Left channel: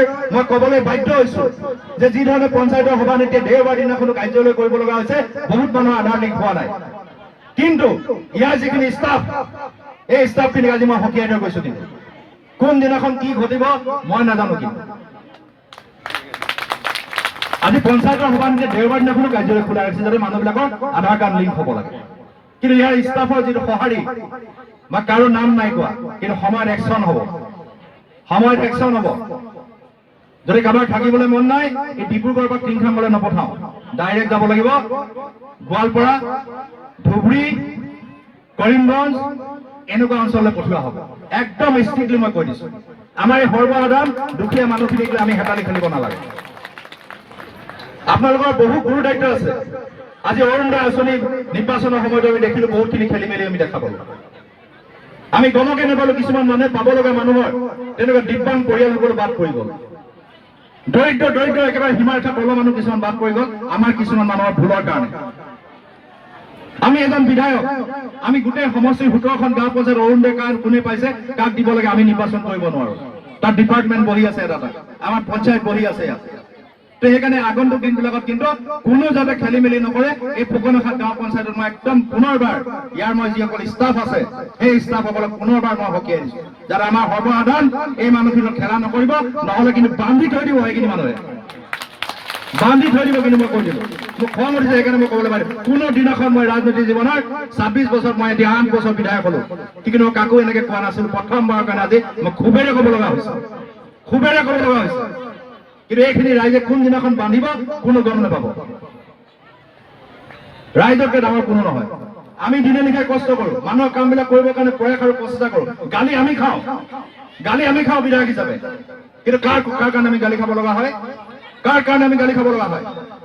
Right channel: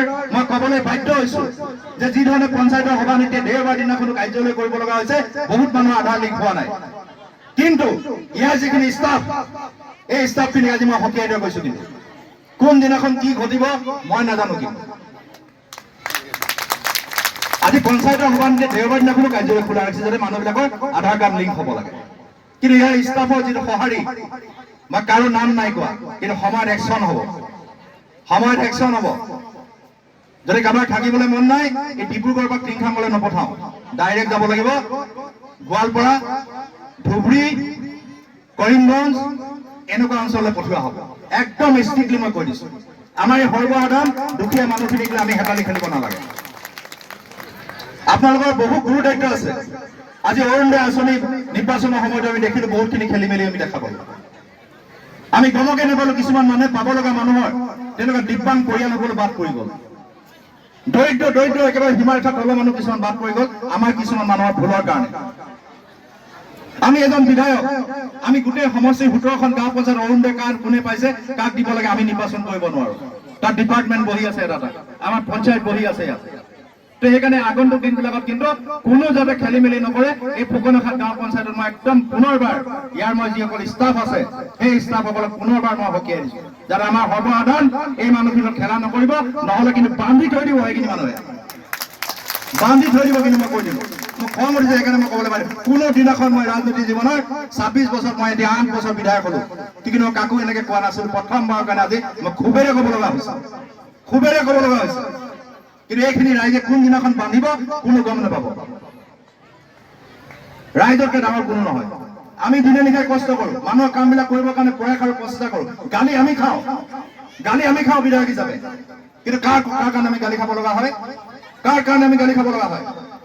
এইবাৰ মই ক'বলৈ বাধ্য হৈছো যে যি ধৰণে পঞ্চায়তৰ সভানেত্ৰীয়ে দেওবাৰ দিনাখনো কাৰ্যালয় কৰিব লগা হৈছে বহুত মানুহৰ আধাৰ লিংক হোৱা নাই কিন্তু ইয়াৰ যিখিনি ষ্টাফ এই ষ্টাফখিনিক আজি মই সকীয়াই থৈ গৈছো কিন্তু কোন দিনাখন কি ঘটিব মই নাজানো কিন্তু আজি পঞ্চায়তৰ সভানেত্ৰীয়ে দেওবাৰ দিনাখনো কাৰ্যালয় খোলা ৰাখিছে যাতে মানুহবিলাকৰ আধাৰ কাৰ্ড লিংক হ'ব লাগে কিন্তু ইয়াৰ ষ্টাফৰ যিটো সঁহাৰি বা কাৰো নাম নাই কোৱা কিন্তু সময়ত একশ্যন হ'ব যদি কাৰোবাৰ থাকিবলৈ মন নাই এই ডিব্ৰুগড় বা টিংখাংলৈ নপঠাওঁ ডাইৰেক্ট যাব লাগিব গোৱালপাৰা ধুবুৰী কৰিমগঞ্জ এনেকুৱা অঞ্চললৈ পঠিওৱা হ'ব একদম ষ্ট্ৰিক্টলি মই কৈ দিছো আমাৰ এই সৰ্বসাধাৰণ দুখীয়া মানুহখিনিক আমি হেতালি খেলিব নালাগে আপোনালোকৰ বহু গুৰু দায়িত্ব আছে আজি অৰুণোদয় আঁচনি নিৰ্বাচনৰ সময়ত আমি দেখিলো বহুতখিনি খেলি মেলি আমি দেখা পালো আমি গমকে নাপালো কিছুমান মানুহে পাব লগা মানুহৰ তেনেকুৱা দিব্যাংগ পৰিয়ালসকল বাদ পৰি গ'ল দৰিদ্ৰ একেবাৰে সীমাৰেখা তলৰ মানুহ কিছুমান বাদ পৰি গ'ল আমাৰ কিছুমান মানুহৰ ভুলৰ কাৰণে আমি এজন বিধায়ক আমি গোটেই সমষ্টিৰ 17খন গাঁও পঞ্চায়ত অৰুণোদয় কাৰ্ড কোনে পাইছে কাক দিব লাগে আমি নিৰ্বাচন কৰিব নোৱাৰো তাত ডিপাৰ্টমেণ্ট বহি আছে এটা আমাৰ পঞ্চায়ত বহি আছে ইয়াত তো সেইকাৰণে আগন্তুক দিনবিলাকত কিন্তু কোনো যাতে খেলি মেলি নকৰে এই ফুকনখাট গাঁও পঞ্চায়তত মই একদম পুনৰবাৰ ইয়াৰ মই যিসকল ষ্টাফ আছে সেই ষ্টাফসকলক পুনৰবাৰ মই সকীয়াই দিছো যাতে আমাৰ সৰ্বসাধাৰণ এই মানুহখিনিক খেলা নকৰিব নহ'লে কিন্তু বান্ধি থৈ দিব সেইখিনি মানুহে বান্ধি থৈ দিব কিন্তু মই কৈ দিলো মোক খং উঠিছে সেইকাৰণে মই ক'বলৈ পাৰি কোনো দিনাখন মই ৰাজনীতি জীৱনৰ 26 বছৰত মই এতিয়া 8 বছৰ বিধায়ক হলো কিন্তু মই কাকো এনেকে কোৱা নাছিলো প্ৰথমবাৰৰ কাৰণে আজি মই খুবেৰে ক'ব লগা হৈছে কিন্তু এইখিনি ৰাইজে কোনদিনাখন বান্ধিব কোনো গম নাপাব ৰাইজতকে ডাঙৰ কোনো নহয় আমি দিনে নিশাই কষ্ট কৰো মানুহৰ কামবিলাক কৰিবৰ কাৰণে প্ৰয়াস আৰু প্ৰচেষ্টা কৰো গালি আমি খাওঁ বিধায়ক হিচাপে কিন্তু কাৰ কাৰণে আমি গালি খাব লগা হয়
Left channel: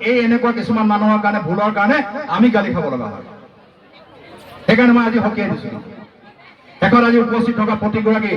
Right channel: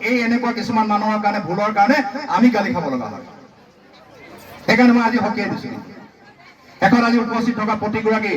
এই এনেকুৱা কিছুমান মানুহৰ কাৰণে ভুলৰ কাৰণে আমি গালি খাব লগা হয় সেইকাৰণে মই আজি সকীয়াই দিছো শেষত আজি উপস্থিত থকা প্ৰতিগৰাকী